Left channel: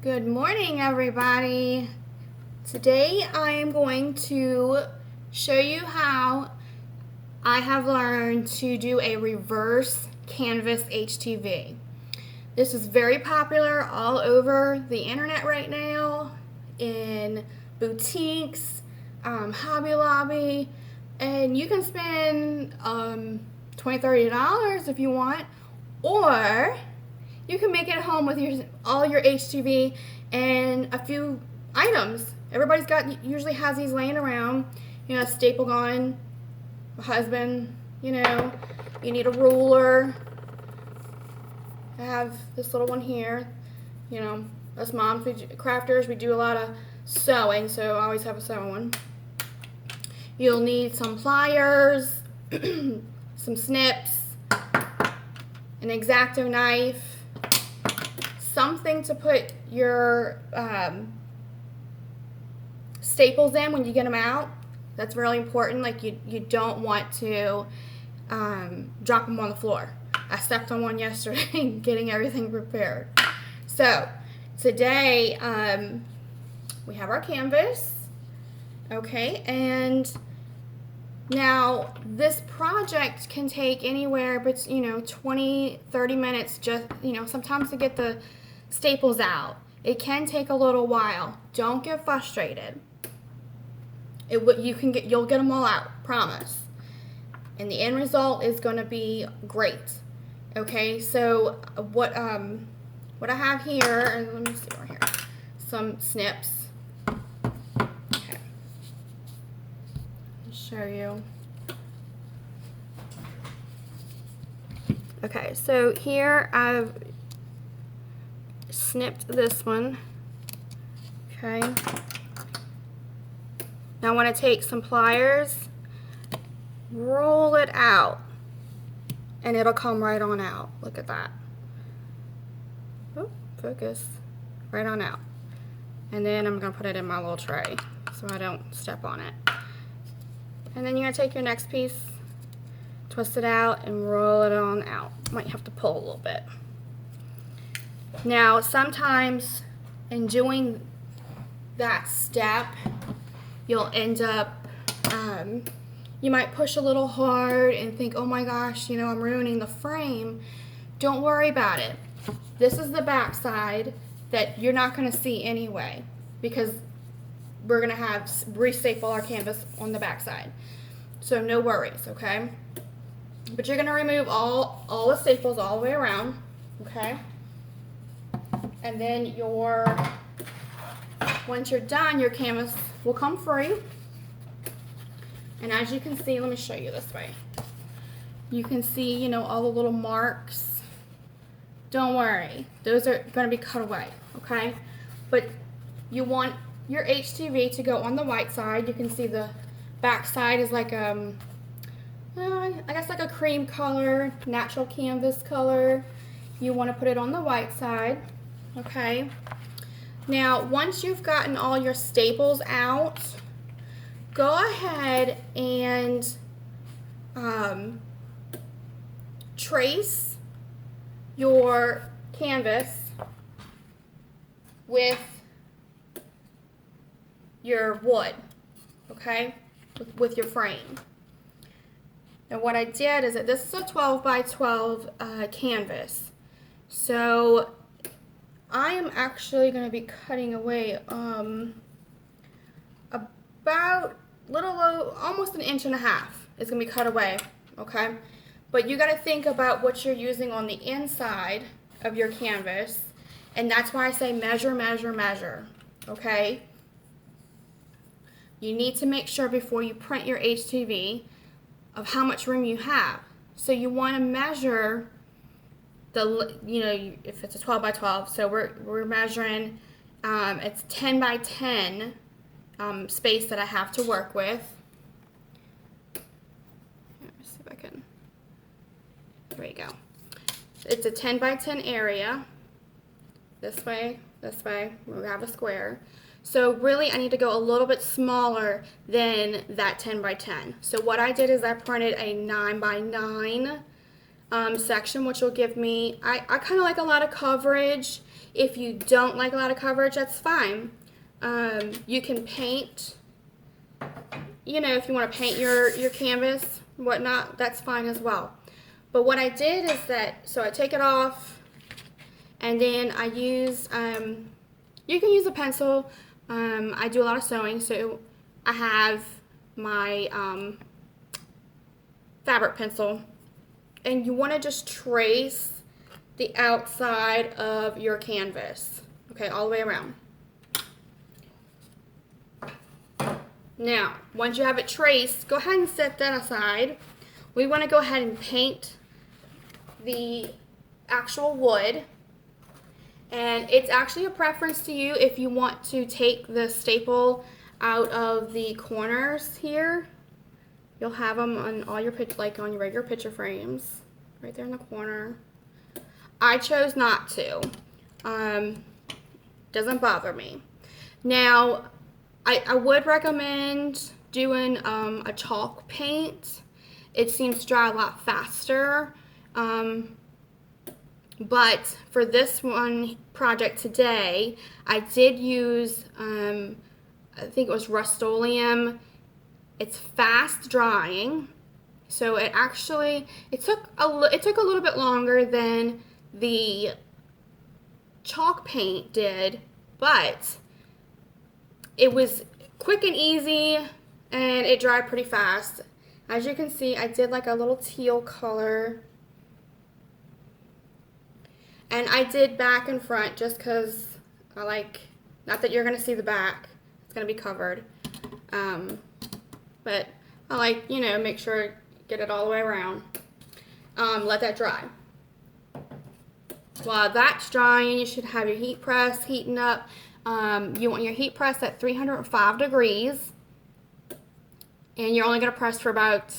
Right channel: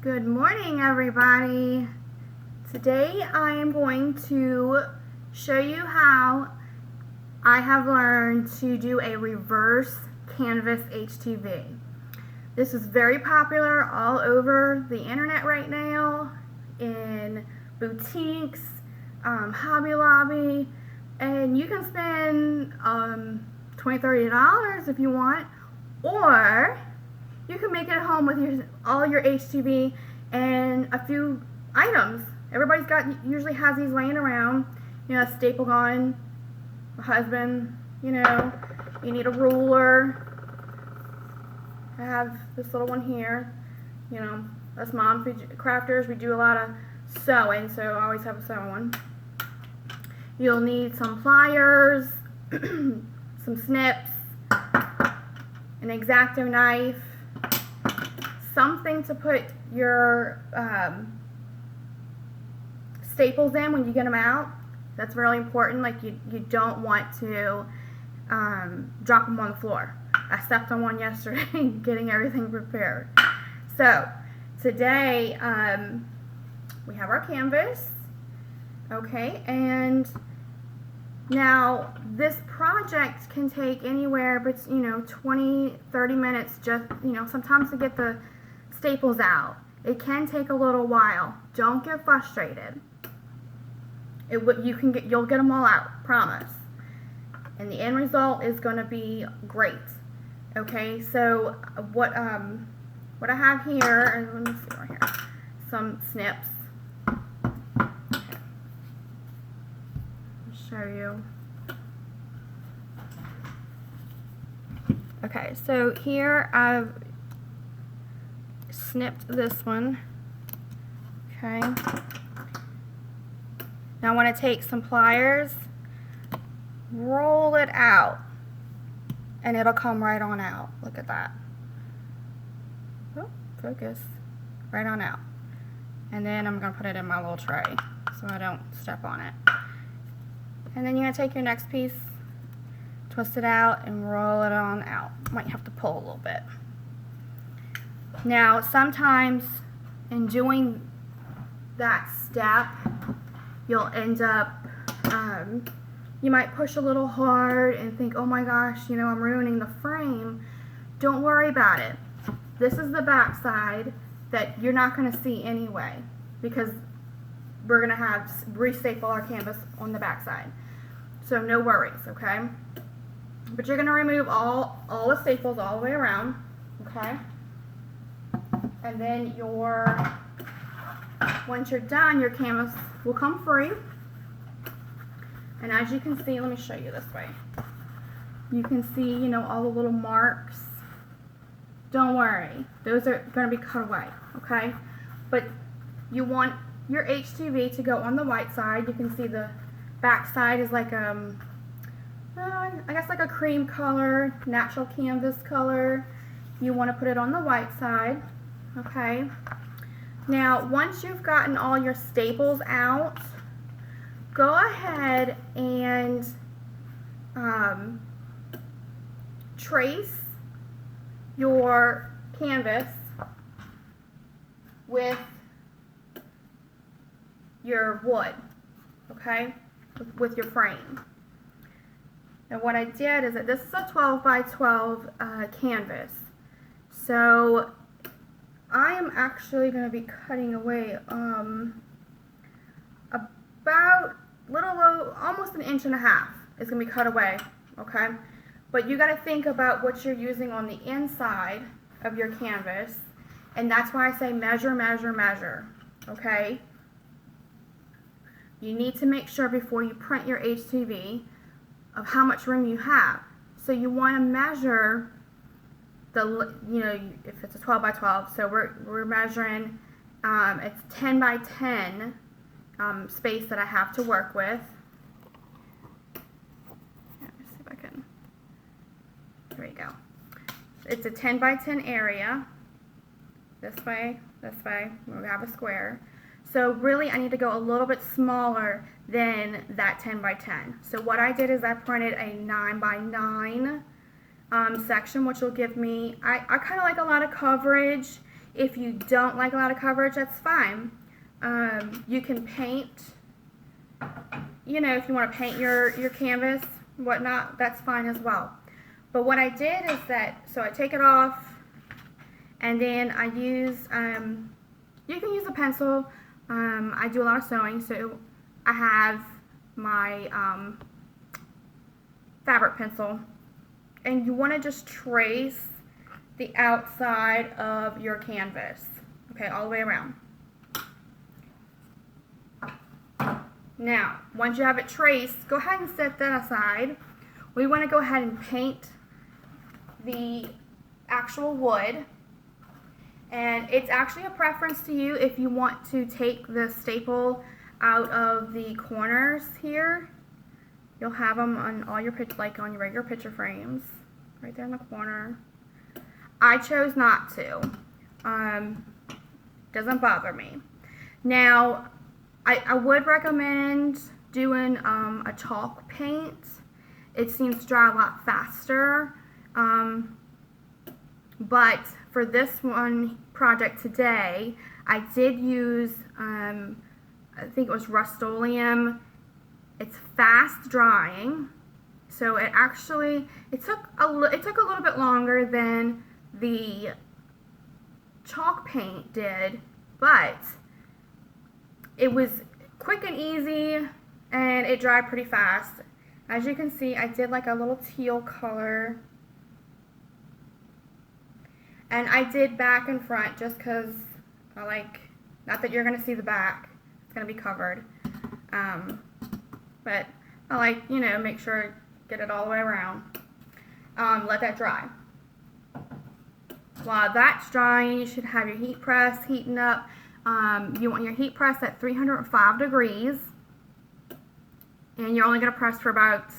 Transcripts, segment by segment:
Good morning, everybody. Today I am going to show you how I have learned to do a reverse canvas HTV. This is very popular all over the internet right now, in boutiques, Hobby Lobby, and you can spend $20, $30 if you want, or you can make it at home with all your HTV and a few items. Everybody's usually has these laying around. You know, a staple gun, a husband, you need a ruler. I have this little one here. You know, us moms, crafters, we do a lot of sewing, so I always have a sewing one. You'll need some pliers, some snips, an X-Acto knife, something to put your staples in when you get them out. That's really important. Like you don't want to drop them on the floor. I stepped on one yesterday getting everything prepared. So today we have our canvas, okay, and now this project can take anywhere but 20-30 minutes, just sometimes to get the staples out. It can take a little while. Don't get frustrated. You'll get them all out, promise. And the end result is going to be great. Okay, so what I have here, let me see right here, some snips. Okay. I'll show you. Okay, so here I've snipped this one. Okay. Now I want to take some pliers, roll it out, and it'll come right on out. Look at that. Oop, focus. Right on out. And then I'm going to put it in my little tray so I don't step on it. And then you're going to take your next piece, twist it out, and roll it on out. Might have to pull a little bit. Now, sometimes in doing that step, you'll end up, you might push a little hard and think, oh my gosh, I'm ruining the frame. Don't worry about it. This is the back side that you're not going to see anyway, because we're going to have restaple our canvas on the back side. So no worries, okay? But you're going to remove all the staples all the way around, okay? And then once you're done, your canvas will come free. And as you can see, let me show you this way. You can see, all the little marks. Don't worry, those are going to be cut away, okay? But you want your HTV to go on the white side. You can see the back side is like I guess like a cream color, natural canvas color. You want to put it on the white side. Okay, now once you've gotten all your staples out, go ahead and trace your canvas with your wood, okay, with your frame. And what I did is that this is a 12 by 12 canvas, so I am actually going to be cutting away about almost 1.5 inches is going to be cut away, okay? But you got to think about what you're using on the inside of your canvas, and that's why I say measure, measure, measure, okay? You need to make sure before you print your HTV of how much room you have. So you want to measure if it's a 12 by 12, so we're measuring, it's 10 by 10 space that I have to work with. Let's see if I can, there you go. It's a 10 by 10 area, this way, we have a square. So really I need to go a little bit smaller than that 10 by 10. So what I did is I printed a 9 by 9 section, which will give me, I kind of like a lot of coverage. If you don't like a lot of coverage, that's fine. You can paint, you know, if you want to paint your canvas, whatnot, that's fine as well. But what I did is that, so I take it off, and then I use, you can use a pencil. I do a lot of sewing, so I have my fabric pencil, and you want to just trace the outside of your canvas, okay, all the way around. Now, once you have it traced, go ahead and set that aside. We want to go ahead and paint the actual wood, and it's actually a preference to you if you want to take the staple out of the corners here. You'll have them on all your like on your regular picture frames, right there in the corner. I chose not to. Doesn't bother me. Now, I would recommend doing a chalk paint. It seems to dry a lot faster. But for this one project today, I did use, I think it was Rust-Oleum. It's fast drying, so it took a little bit longer than the chalk paint did, but it was quick and easy, and it dried pretty fast. As you can see, I did like a little teal color, and I did back and front just because I like, not that you're gonna see the back, it's gonna be covered. But I like, you know, make sure get it all the way around. Let that dry. While that's drying, you should have your heat press heating up. You want your heat press at 305 degrees. And you're only going to press for about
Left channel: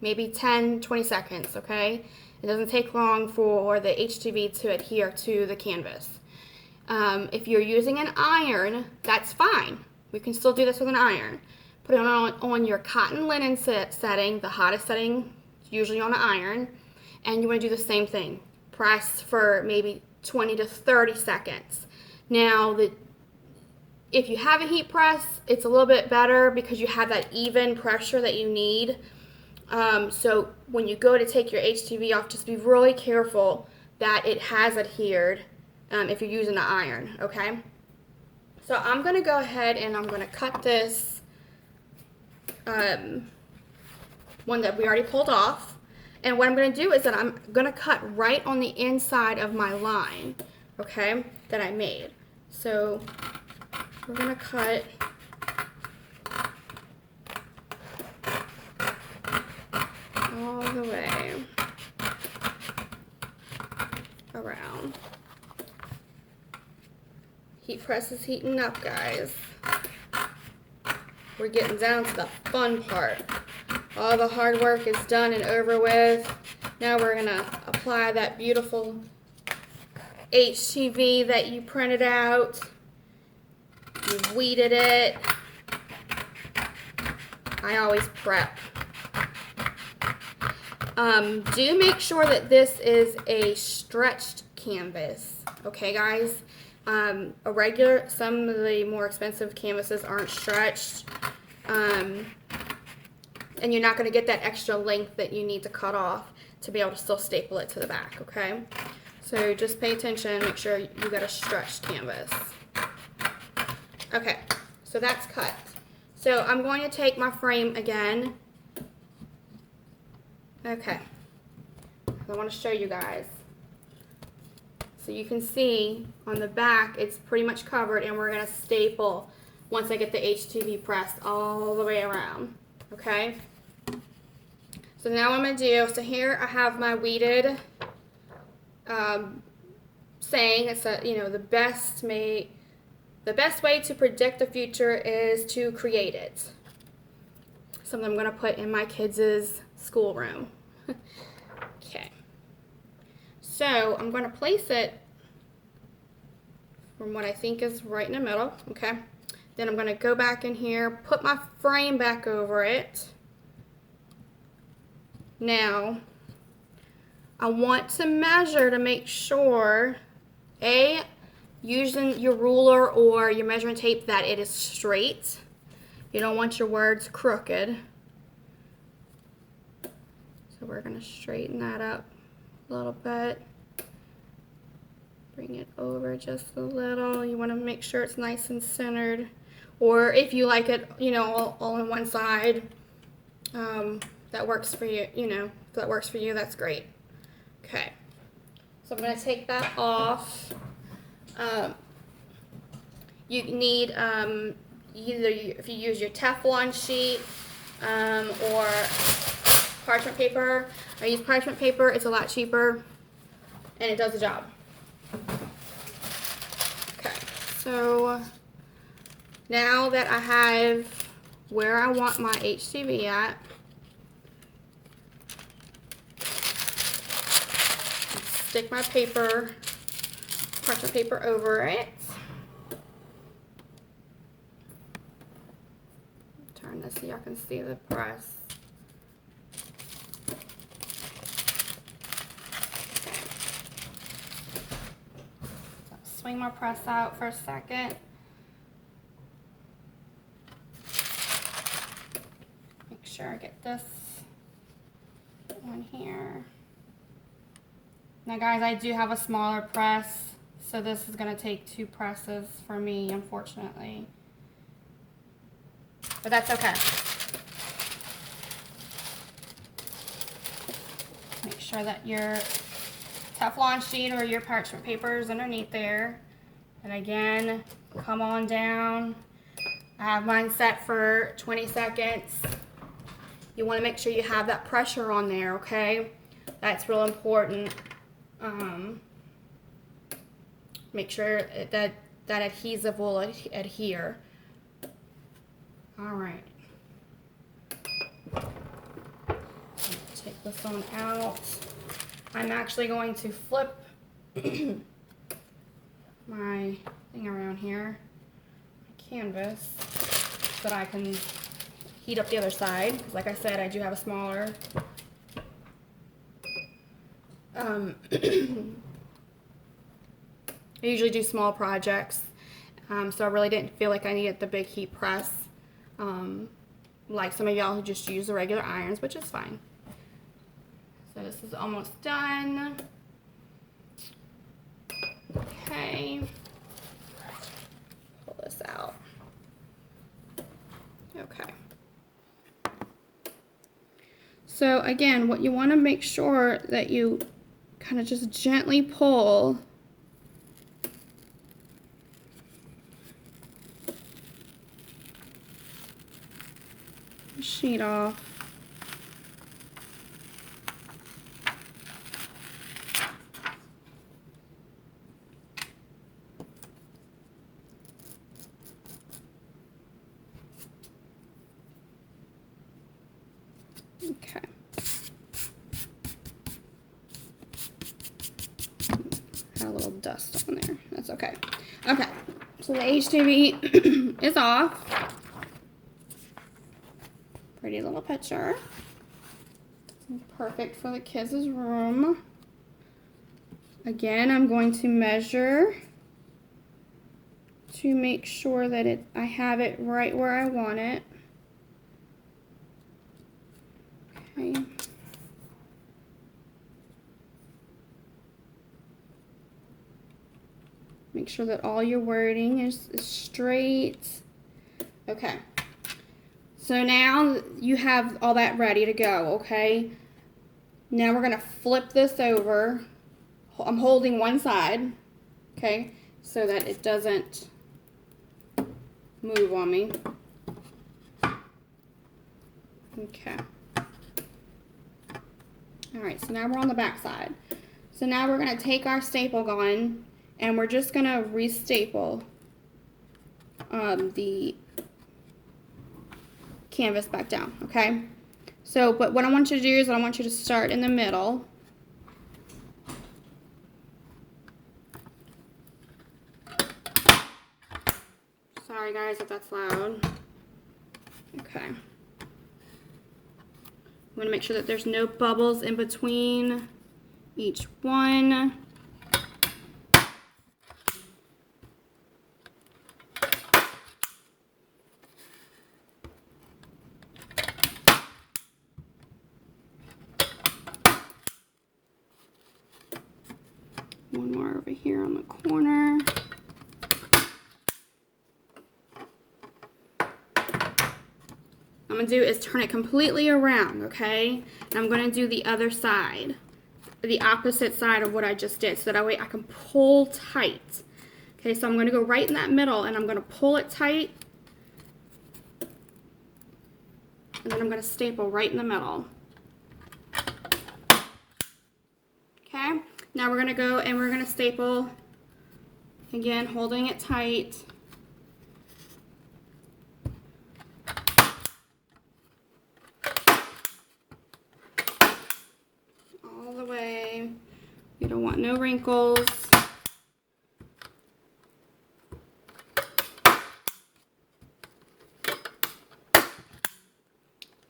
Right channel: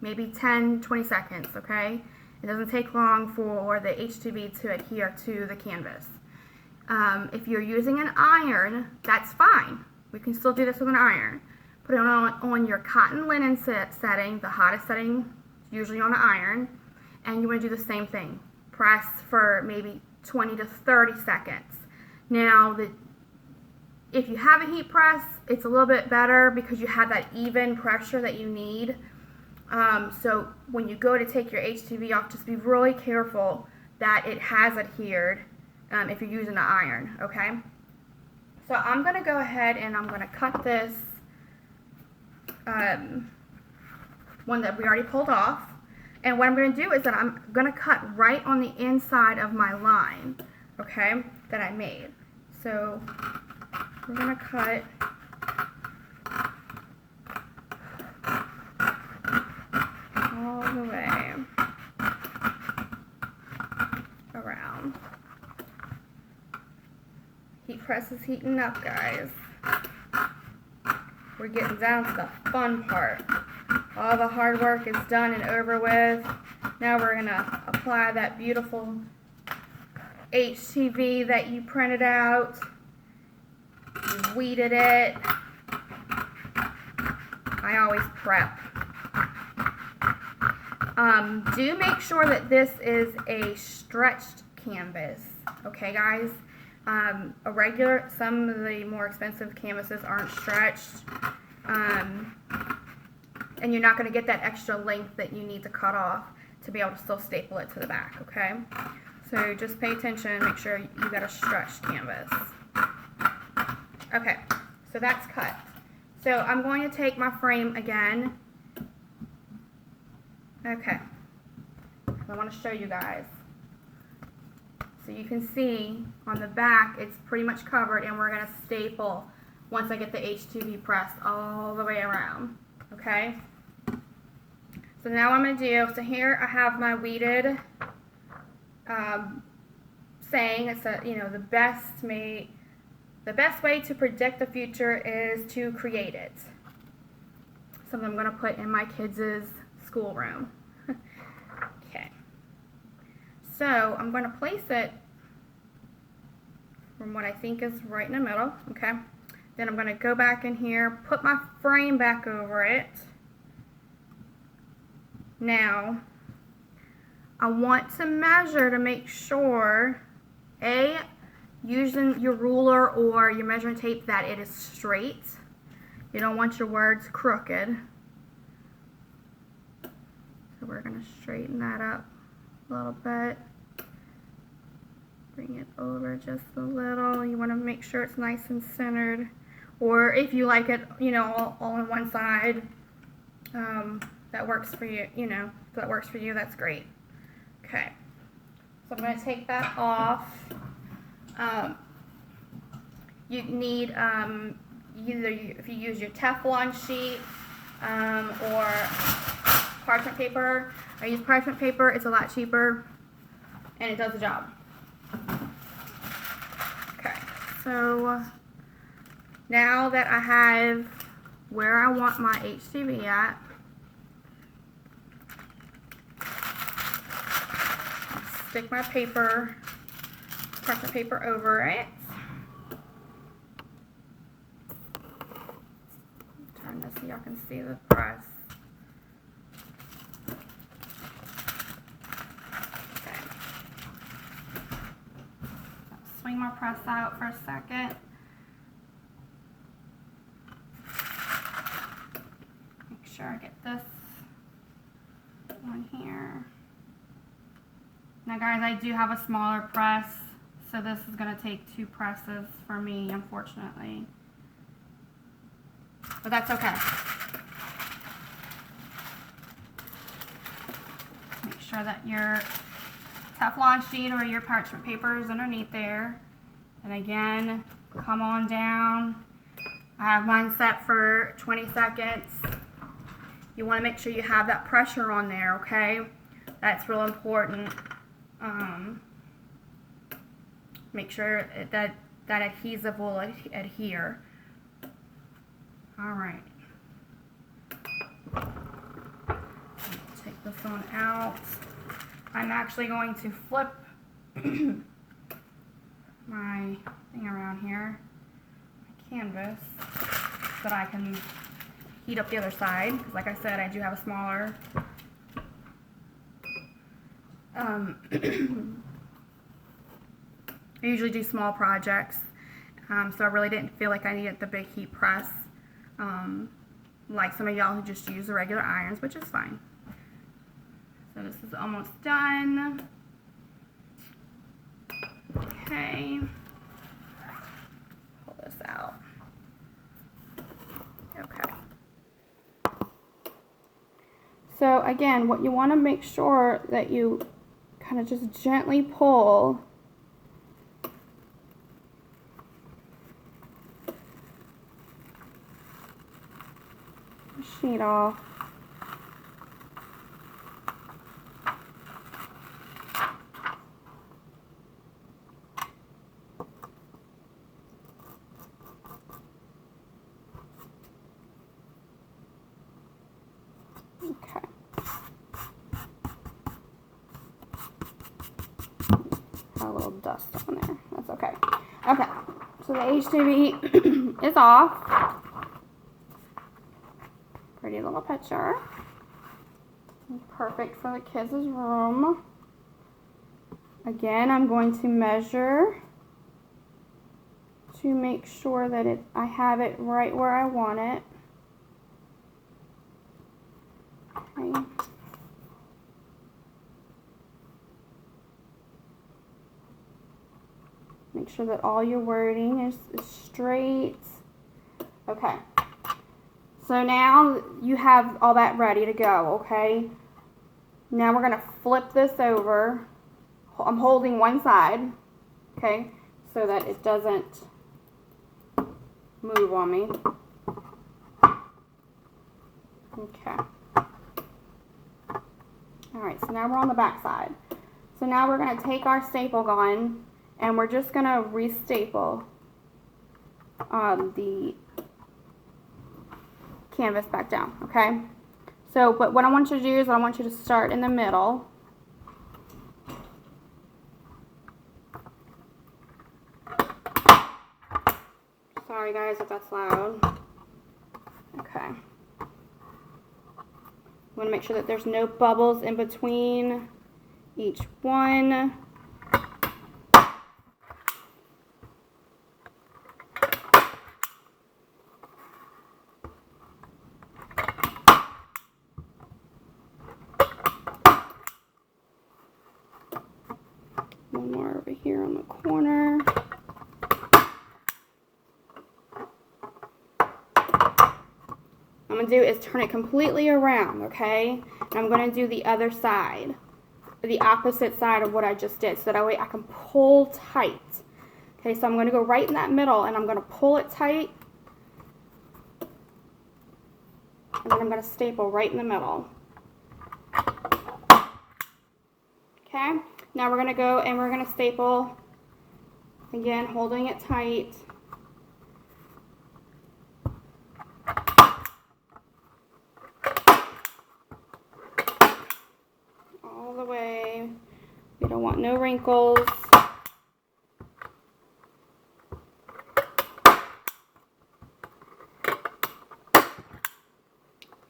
maybe 10-20 seconds, okay? It doesn't take long for the HTV to adhere to the canvas. If you're using an iron, that's fine. We can still do this with an iron. Put it on your cotton linen setting, the hottest setting, usually on an iron, and you want to do the same thing. Press for maybe 20 to 30 seconds. Now, if you have a heat press, it's a little bit better because you have that even pressure that you need. So when you go to take your HTV off, just be really careful that it has adhered if you're using the iron, okay? So I'm going to go ahead and I'm going to cut this one that we already pulled off, and what I'm going to do is that I'm going to cut right on the inside of my line, okay, that I made. So we're going to cut all the way around. Heat press is heating up, guys. We're getting down to the fun part. All the hard work is done and over with. Now we're going to apply that beautiful HTV that you printed out. You weeded it. I always prep. Do make sure that this is a stretched canvas. Okay, guys? Some of the more expensive canvases aren't stretched, and you're not going to get that extra length that you need to cut off to be able to still staple it to the back, okay? So just pay attention and make sure you got a stretched canvas. Okay, so that's cut. So I'm going to take my frame again. Okay, I want to show you guys. So you can see on the back it's pretty much covered, and we're going to staple once I get the HTV pressed all the way around. Okay? So now what I'm going to do, so here I have my weeded saying. It's a, you know, the best way to predict the future is to create it. Something I'm going to put in my kids' schoolroom. Okay. So I'm going to place it from what I think is right in the middle, okay? Then I'm going to go back in here, put my frame back over it. Now, I want to measure to make sure, A, using your ruler or your measuring tape that it is straight. You don't want your words crooked. So we're going to straighten that up a little bit. Bring it over just a little. You want to make sure it's nice and centered. Or if you like it, you know, all on one side, that works for you, you know, if that works for you, that's great. Okay. So I'm going to take that off. You need either if you use your Teflon sheet or parchment paper. I use parchment paper. It's a lot cheaper and it does the job. Okay, so now that I have where I want my HCV at, stick my paper, parchment paper over it. Turn this so y'all can see the press. Okay. So swing my press out for a second. Make sure I get this one here. Now guys, I do have a smaller press, so this is going to take 2 presses for me, unfortunately. But that's okay. Make sure that your Teflon sheet or your parchment paper is underneath there. And again, come on down. I have mine set for 20 seconds. You want to make sure you have that pressure on there, okay? That's real important. Make sure that adhesive will adhere. All right. Take this one out. I'm actually going to flip my thing around here, my canvas, so that I can heat up the other side. Like I said, I do have a smaller. I usually do small projects, so I really didn't feel like I needed the big heat press, like some of y'all who just use the regular irons, which is fine. So this is almost done. Okay, pull this out. Okay. So again, what you want to make sure that you kind of just gently pull the sheet off. Okay. Got a little dust on there. That's okay. Okay. So the HTV is off. Pretty little picture. Perfect for the kids' room. Again, I'm going to measure to make sure that I have it right where I want it. Okay. Make sure that all your wording is straight. Okay. So now you have all that ready to go, okay? Now we're going to flip this over. I'm holding one side, okay, so that it doesn't move on me. Okay. Alright, so now we're on the back side. So now we're going to take our staple gun and we're just going to restaple the canvas back down, okay? So, but what I want you to do is I want you to start in the middle. Sorry guys if that's loud. Okay. I'm going to make sure that there's no bubbles in between each one. going to do is turn it completely around, okay? And I'm going to do the other side, the opposite side of what I just did, so that way I can pull tight. Okay, so I'm going to go right in that middle, and I'm going to pull it tight, and then I'm going to staple right in the middle. Okay, now we're going to go and we're going to staple, again, holding it tight. All the way. You don't want no wrinkles.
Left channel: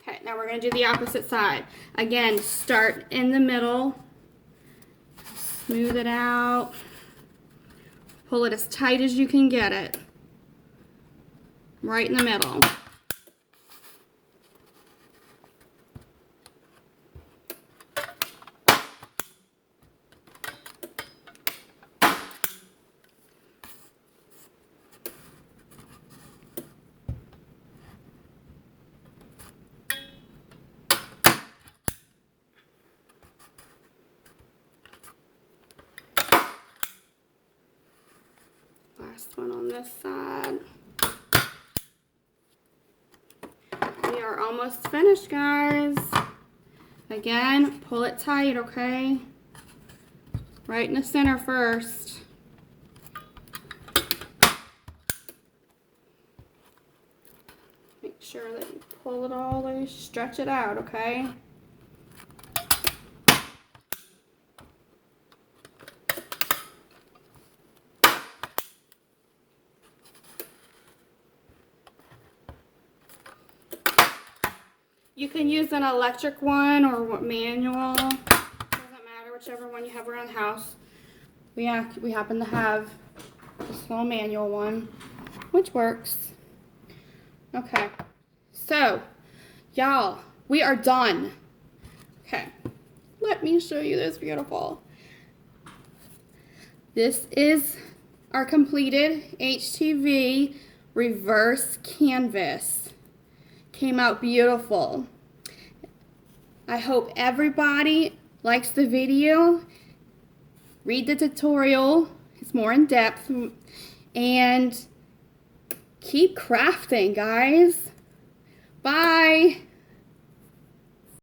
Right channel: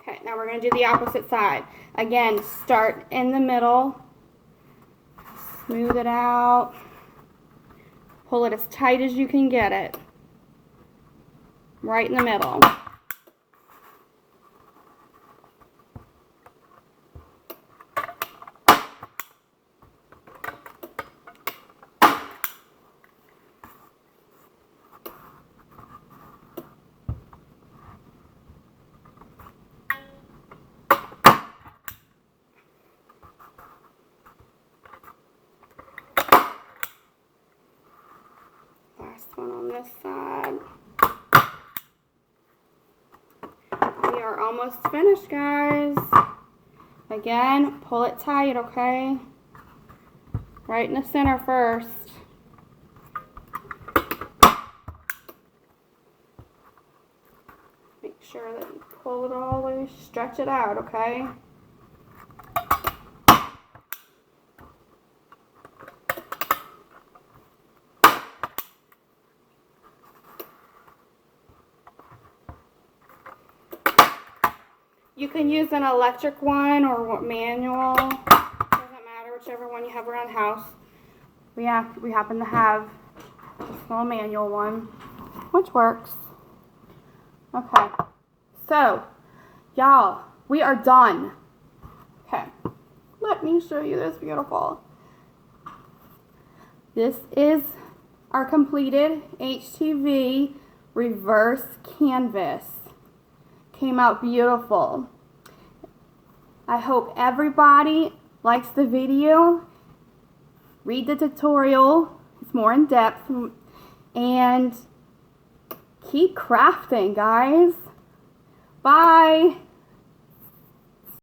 Okay, now we're going to do the opposite side. Again, start in the middle. Smooth it out. Pull it as tight as you can get it. Right in the middle. Last one on this side. We are almost finished, guys. Again, pull it tight, okay? Right in the center first. Make sure that you pull it all loose, stretch it out, okay? You can use an electric one or manual. Doesn't matter, whichever one you have around the house. We happen to have a small manual one, which works. Okay, so y'all, we are done. Okay, let me show you this beautiful. This is our completed HTV reverse canvas. Came out beautiful. I hope everybody likes the video. Read the tutorial. It's more in depth. And keep crafting, guys. Bye.